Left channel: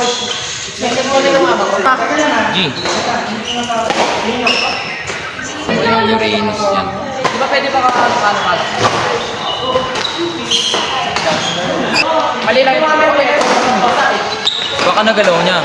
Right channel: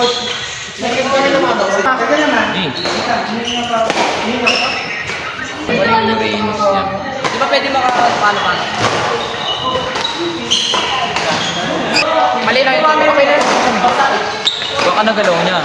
G. Ayan yung Venus yan. Di ba pwede ba kakakano ka? Mali lang ito. Baka nagalaw niya.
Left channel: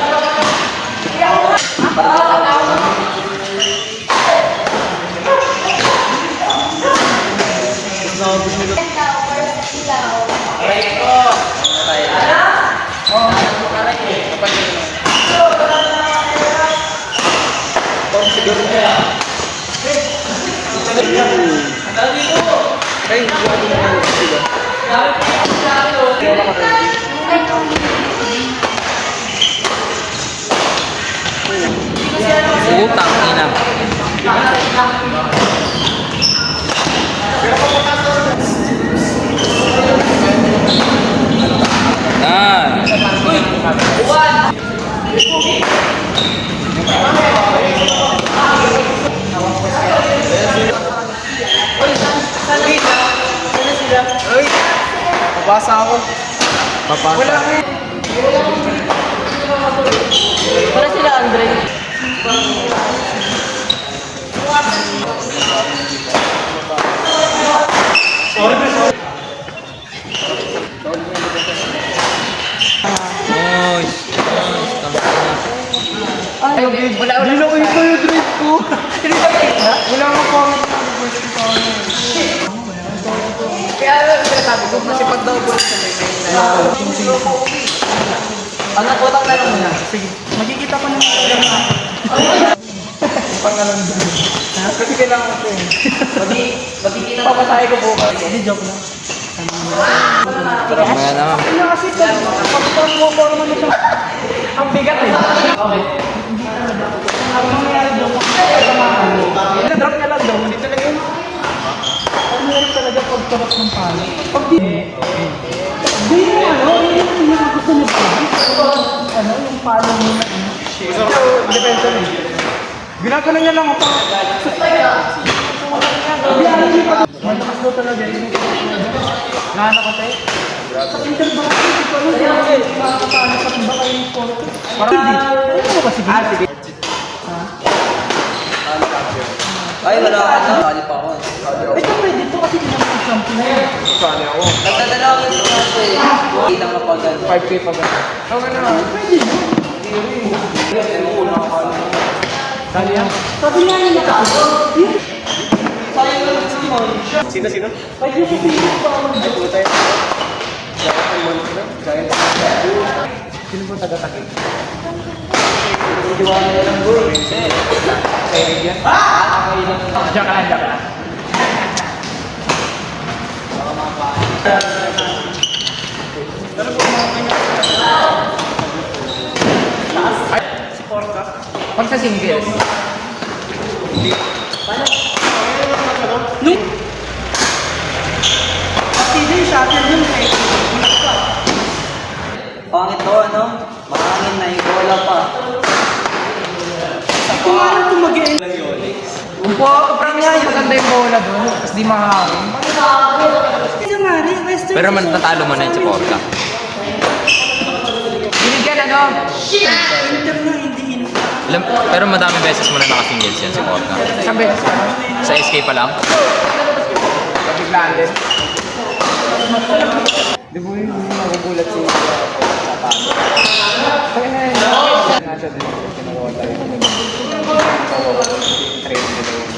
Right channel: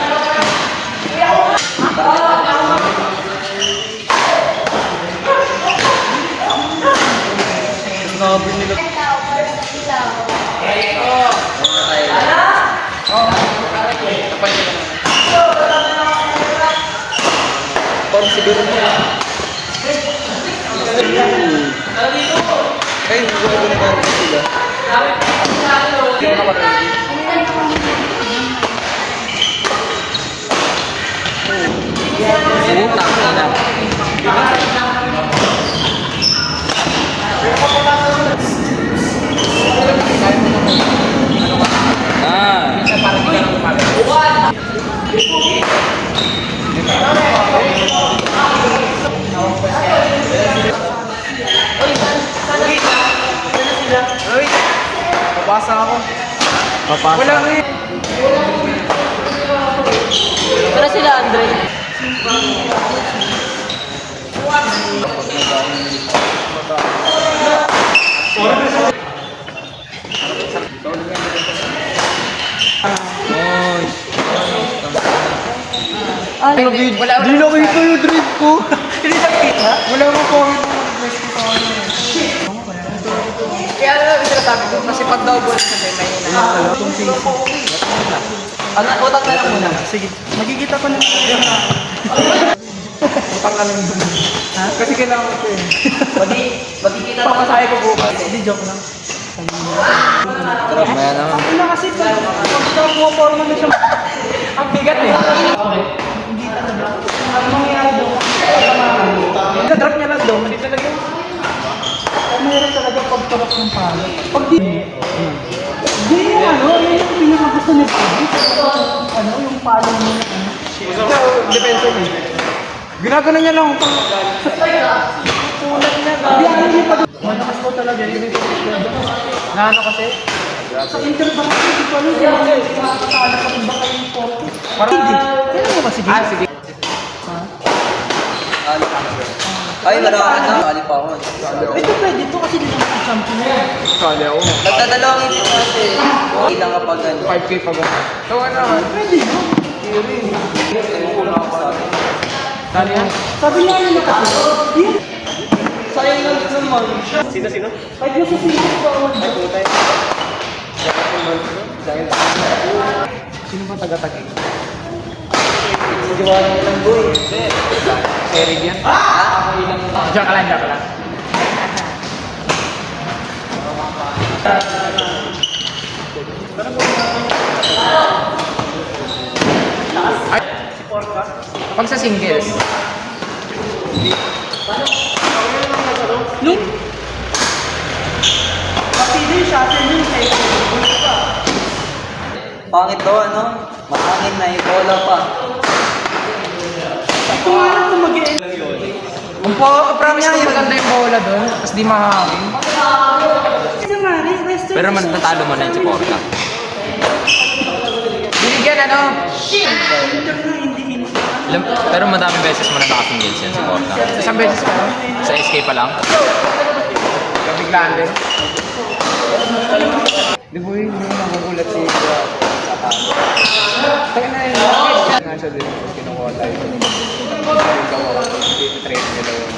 Utang ina. Papasa ako. Papasa. Wala ko eh. Para sila, Andre. Wala Di na kayo yung drive ko. Wala mo po ang request ko sa ano. Kaya alam mo sinasabi ko, kasi pag daw buwan sa may ang nakotang na lang muna. Sige, magkikita ko naman. Pangalan doon. Kasi kailangan ko yun. Magkikita ko papasahe ko bukas. Hindi, joke lang. Mamaya naman. Kasi Ang bigat eh. hindi talaga. Ano mangyayari doon? Drop niya lang daw, hindi talaga yun. Meron talaga pagtarap ng palo. Pag di... Hindi yung ano, yung pinakagusto mo sa ano, yung palo mo na ano. Depensa eh. Ginagano niya lang. Hindi, ano yung pag... Malakas na talaga yun. Naano kasi? Sa interbank, hindi ko alam kung nakakasana ka ba kayo yung photo. Hindi. Ano ba sige? Sige. Ay, wala ka na. Mali pa ako. Ito pwede ito kasi di naman example na yun. Sali ako. Nagdadalawin ko kasi. Hindi lang kapag ano. 5K pa ba? Oo na. Pwede yun. Sali yan. Sabi nga niya nakako. Yun. Sayang lang sa mga. Sino? Pag nasa pilis ko ako. Sino po taga-takip? Idiwan mo lang boy. Eric yan? Diyan ka lang. Si Porta? Pag sa singles. Hindi, shuttle yun. Pangit to, ano? Makangin na yung bola pa. Ito nga lang kung mag-e- Promise ko maganda yung bola doon, tapos di makakakin. Kasi Mari, Western. Pero man natalo man na yung Porta. Binigyan ano? Inter na, hindi Inter. Pero madaming beses mo na naka-singles yan sa Porta. Isang beses pa. Sa SK pa lang. Nabiglaan din. Di ba yung magugulat si Kaya na yun, nga siya din. Kinukuha tayo. Train nila yun.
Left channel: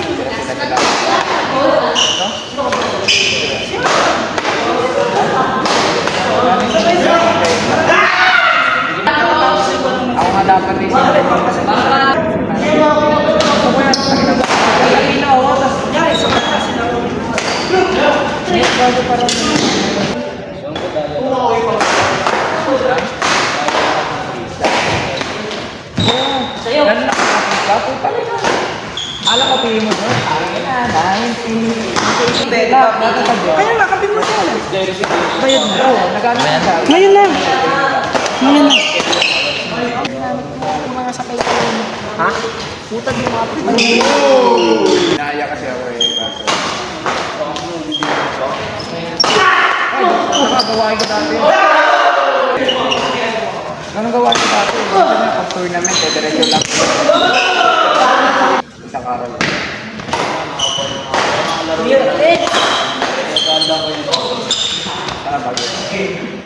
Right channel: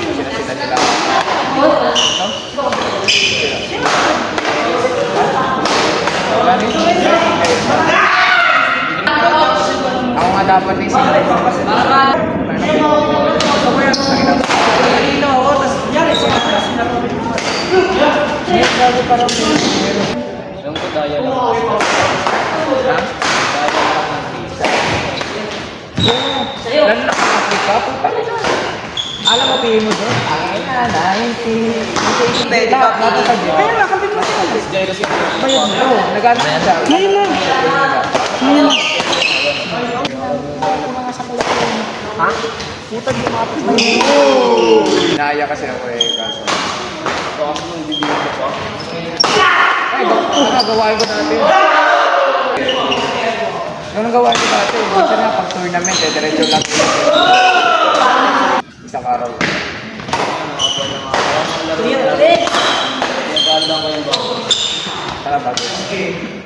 Sila nila. Ako nga dapat eh sila. Yung kagaya lang. Alam mo, pihin mo doon. 90. Kaya nga, kami mo siya. Bayad mo. Nagano na siya. Ngayon na. Ngayon na. Ha? Puta di mo. Naya kasi ako eh. Kaso. Ay, nakagawain ko natin. Ganun Kasi nga, pag tournament, diretso lang. Isang araw. Tara, bago.